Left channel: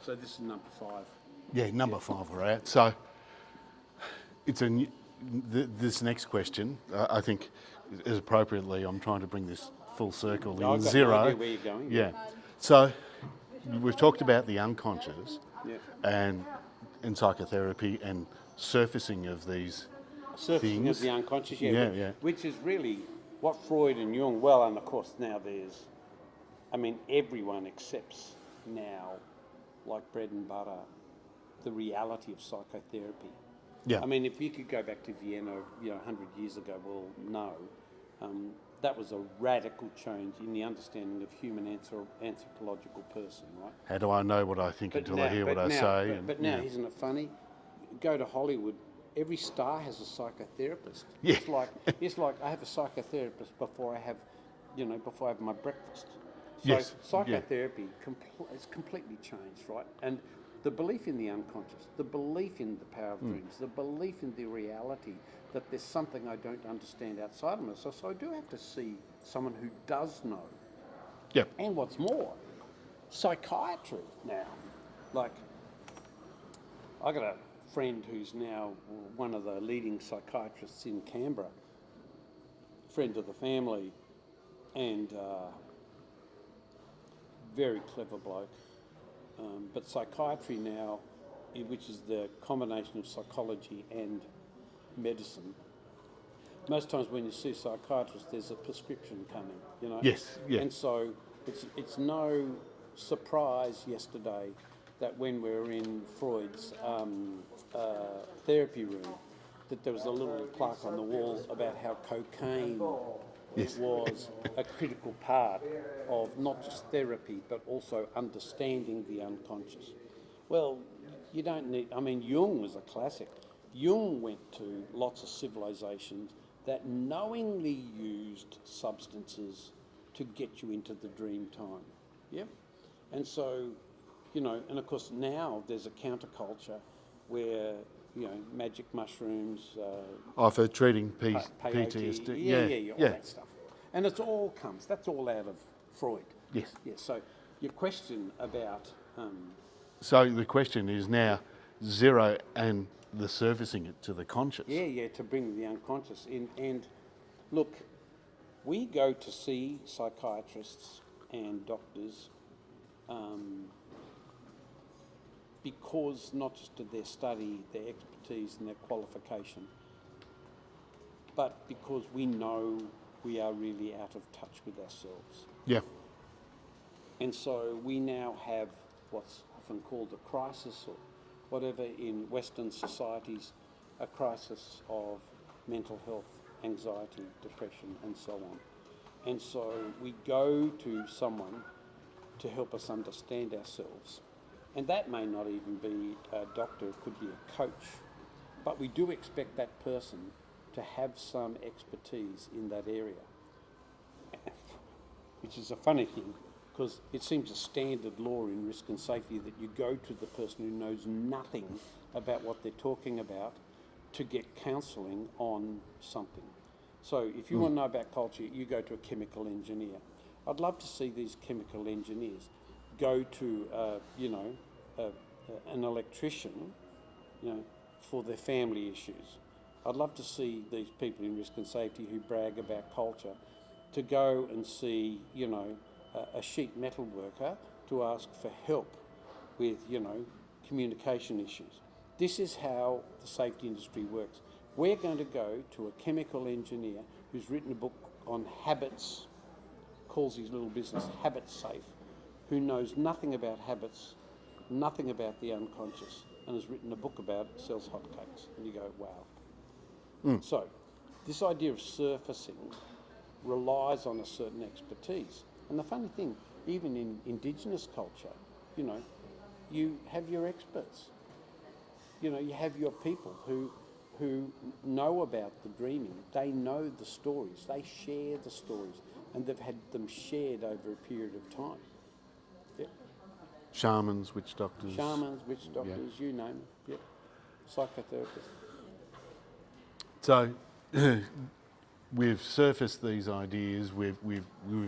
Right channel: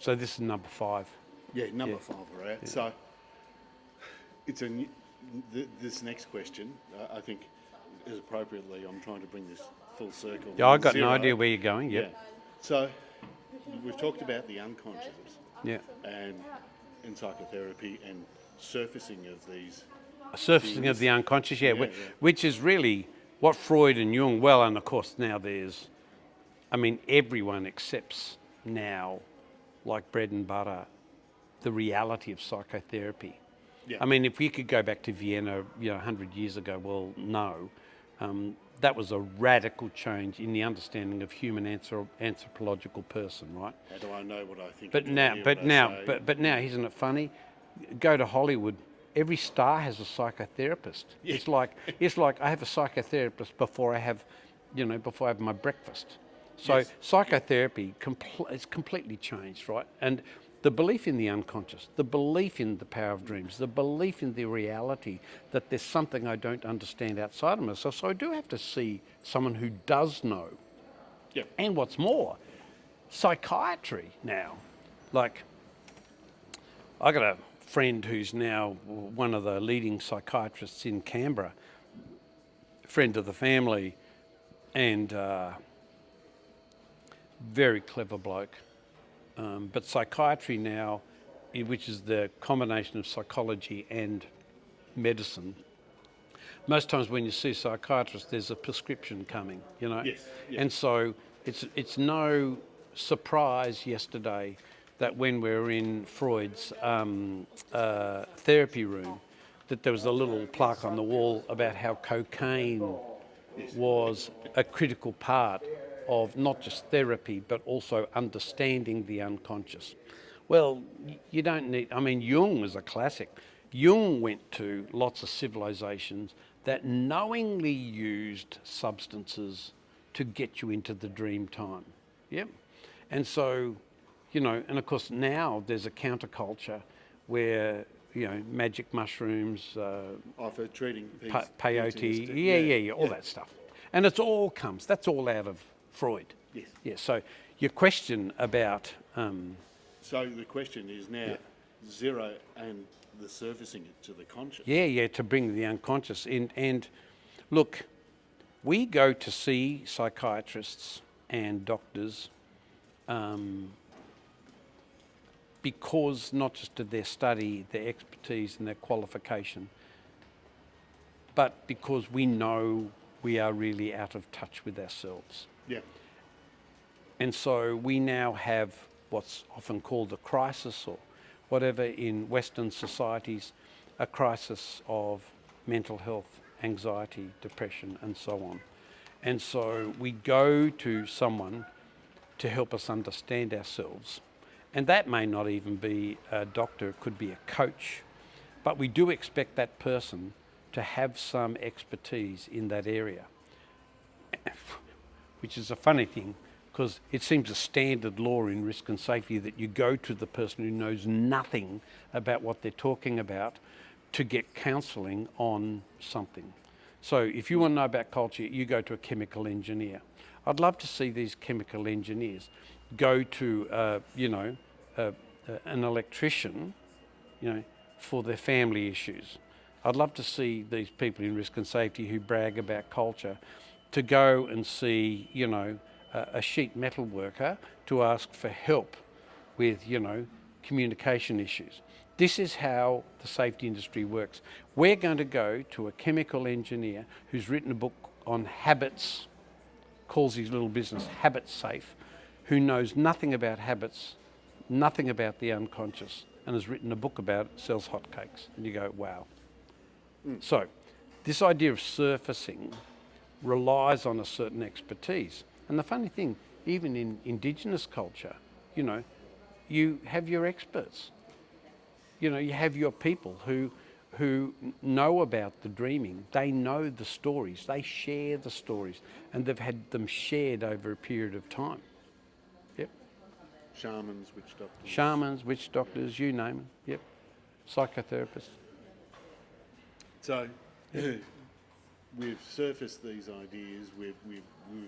So this is number 5. Yeah, number 5 we're at. So it's this next question, I think, is appropriately, I'm trying to bring this full circle. Yeah, I've got Zero. no idea where you're going. Yeah. So we've talked about the unconscious and in psychotherapy and surfacing of these Surfacing things. of the unconscious, Yeah, which is really what Freud and Jung, well, and of course now everyone accepts now, like bread and butter, the reality of psychotherapy. Yeah. I mean, if we could go back to Vienna, 100 years ago, well, no. That was a radical change in the understanding of human anthropological person, right? How do I know what I think But until I hear what I say? But now, isn't it funny? Go to Hollywood. Every star has a psychotherapist. Yeah. It's like I have a psychotherapist before I have my breakfast. So Yes. psychotherapy it's completely changed, right? And the belief in the unconscious, the belief in the power of dreams, the belief in the reality that there's something I don't understand outside of myself. So I do have to see someone who does know. Yeah. And what's more, psychiatry now. Like, I got a friend who's now one of the leading psychiatrists in Canberra, friend of the family, and very clever bloke. But psychiatry now, which is the combination of psychology and medicine, most times when you see a psychiatrist, there's a prescription coming, Yes. Yeah. And so it's no surprise yesterday that when we were in Freud's therapy room, that there was a little plaque on the wall about how cocaine was a critical part of not just therapy, but also understanding the unconscious. Well, you don't need, Jung was a classic. Jung went to lots of civilizations that knowingly used substances to get you into the dream time. Yep. And so, and of course now there's a counterculture where, magic mushrooms, for treating peyote, all that stuff. And that's all out of Freud. Yes. Yeah, so your question about... So the question is now zero and the surfacing it to the conscious. Yeah, to bring the unconscious in. And look, we go to see psychiatrists and doctors because not just of their study, their expertise and their qualification, but because we know we are really out of touch with ourselves. Yeah. And so we now have what's often called a crisis, or whatever in Western societies, a crisis of mental health, anxiety, depression, and so on. And so we go to someone to help us understand ourselves. And that may not even be a doctor, it could be a coach. But we do expect that person to have some expertise in that area. Which is a funny thing, because it seems a standard law in risk and safety that you go to the person who knows nothing about what they're talking about to get counselling on something. So if you want to know about culture, you go to a chemical engineer. I'd love to see these chemical engineers go to, an electrician, for their family issues. I'd love to see these people in risk and safety who brag about culture to go and see, a sheet metal worker to ask for help with, communication issues. This is how the safety industry works. We're going to go to a chemical engineer who's written a book on habits, calls his little business Habit Safe, who knows nothing about habits, nothing about the unconscious, and has written a book about it, sells hotcakes. And you go, wow. So this idea of surfacing relies on a certain expertise. And the funny thing, even in Indigenous culture, you have your experts. You have your people who know about the dreaming. They know the stories. They share the stories. And they've had them shared over a period of time. Yep. Shamans, witch doctors. Shamans, witch doctors, you name them. Yep. Psychotherapists. So we've surfaced these ideas. We've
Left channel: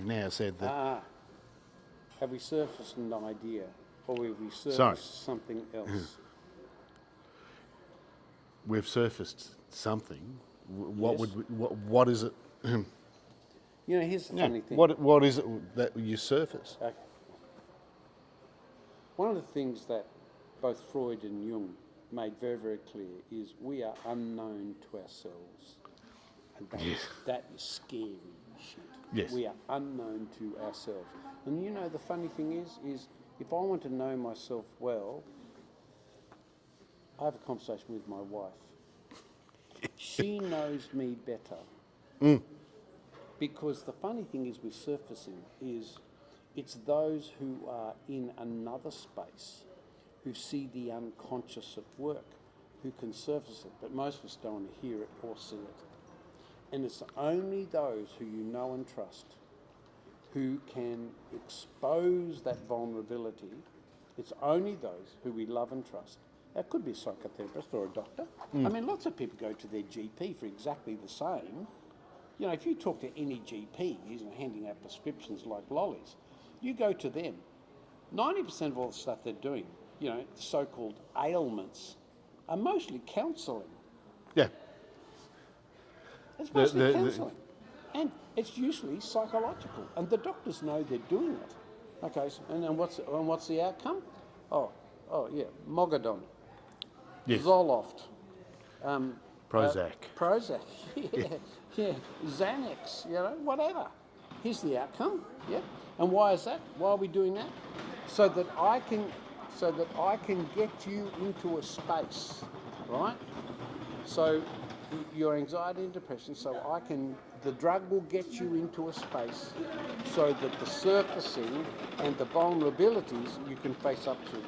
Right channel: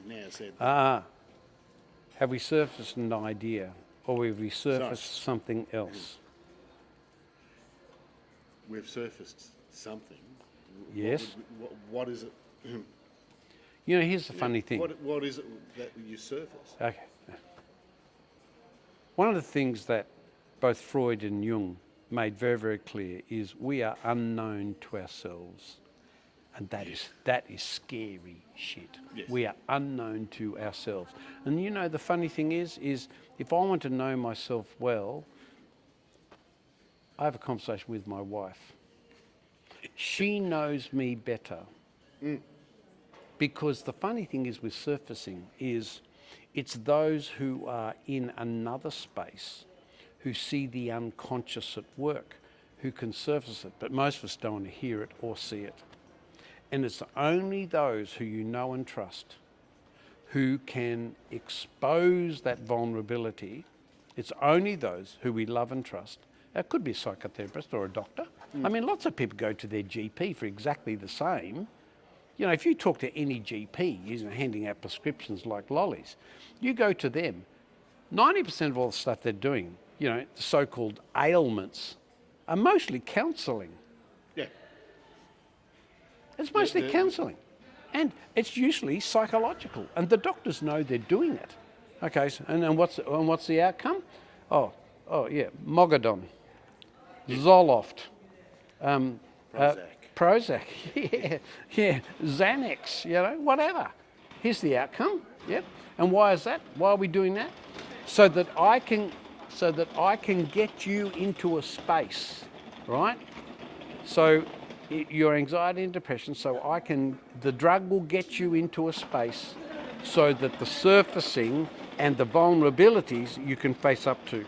now said that. Have we surfaced an idea? or have we surfaced something else? We've surfaced something. Yes. What is it? You know, here's the funny thing. What is it that you surface? Okay. One of the things that both Freud and Jung made very, very clear is we are unknown to ourselves. And that is scary shit. Yes. We are unknown to ourselves. And you know, the funny thing is if I want to know myself well, I have a conversation with my wife. She knows me better. Because the funny thing is with surfacing is it's those who are in another space who see the unconscious at work, who can surface it. But most of us don't want to hear it or see it. And it's only those who you know and trust who can expose that vulnerability. It's only those who we love and trust. It could be a psychotherapist or a doctor. I mean, lots of people go to their GP for exactly the same. You know, if you talk to any GP, handing out prescriptions like lollies, you go to them, 90% of all the stuff they're doing, you know, the so-called ailments, are mostly counselling. Yeah. It's mostly counselling. And it's usually psychological. And the doctors know they're doing it. Okay, so, and what's the outcome? Oh yeah, Mogadon, Yeah. Zoloft, Prozac. yeah, Xanax, you know, whatever. Here's the outcome. Yep. And why is that? Why are we doing that? So that I can get you into a space, right? So your anxiety and depression, the drug will get you into a space so that the surfacing and the vulnerabilities you can face up to.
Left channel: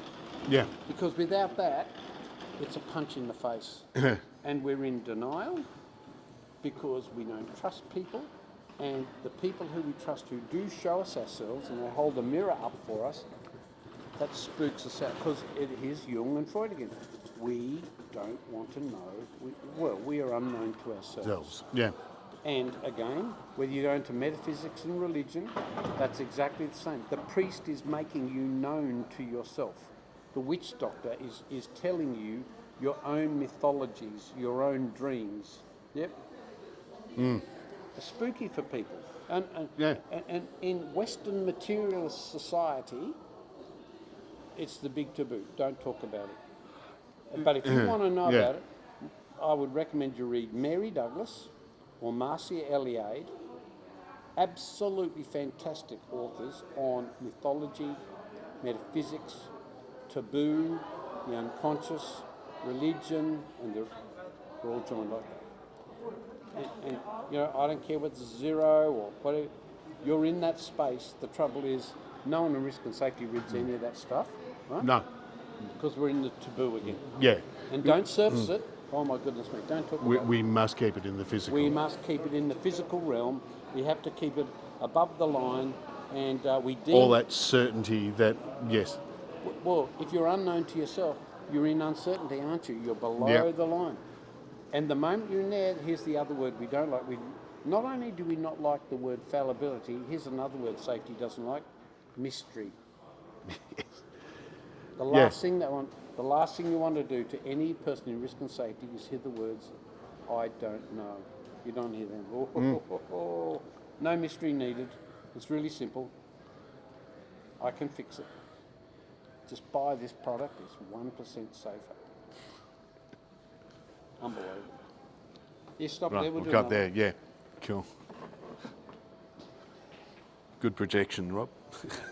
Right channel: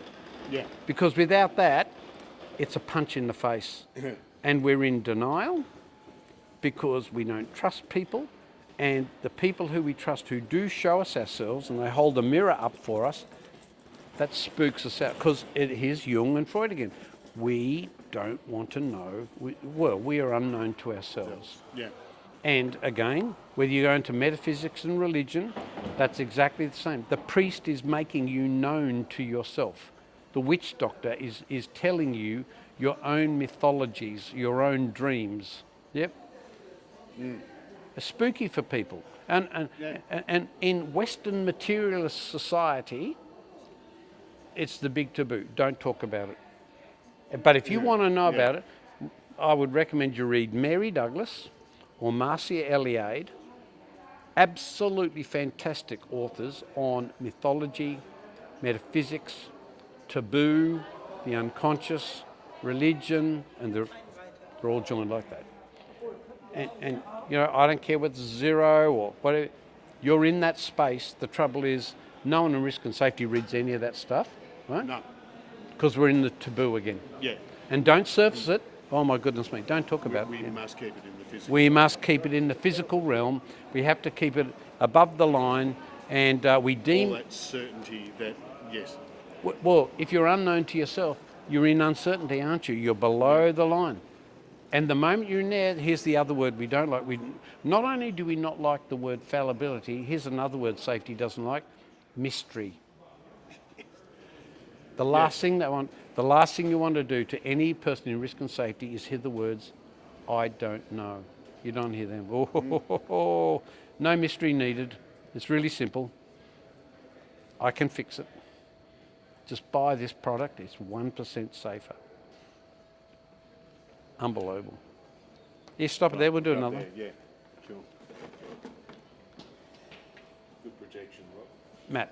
Yeah. Because without that, it's a punch in the face. And we're in denial because we don't trust people. And the people who we trust who do show us ourselves and they hold a mirror up for us, that spooks us out. Because here's Jung and Freud again. We don't want to know. We are unknown to ourselves. Yeah. And again, whether you go into metaphysics and religion, that's exactly the same. The priest is making you known to yourself. The witch doctor is telling you your own mythologies, your own dreams. Yep. It's spooky for people. And in Western materialist society, it's the big taboo. Don't talk about it. But if you want to know about it, I would recommend you read Mary Douglas or Marcia Eliade, absolutely fantastic authors on mythology, metaphysics, taboo, the unconscious, religion, and they're all joined like that. And you know, I don't care whether it's zero or whatever, you're in that space. The trouble is, no one in risk and safety reads any of that stuff, right? No. Because we're in the taboo again. Yeah. And don't surface it. Oh my goodness me, don't talk about it. We must keep it in the physical. We must keep it in the physical realm. We have to keep it above the line, and we deem... all that certainty that, yes. Well, if you're unknown to yourself, you're in uncertainty, aren't you? You're below the line. And the moment you're in there, here's the other word we don't like. Not only do we not like the word fallibility, here's another word safety doesn't like, mystery. The last thing you want to do to any person in risk and safety is hear the words, I don't know. You don't hear them. No mystery needed. It's really simple. I can fix it. Just buy this product. It's 1% safer. Unbelievable. Yeah, stop it there. We'll do another. There, yeah. Cool. Good projection, Rob. Matt.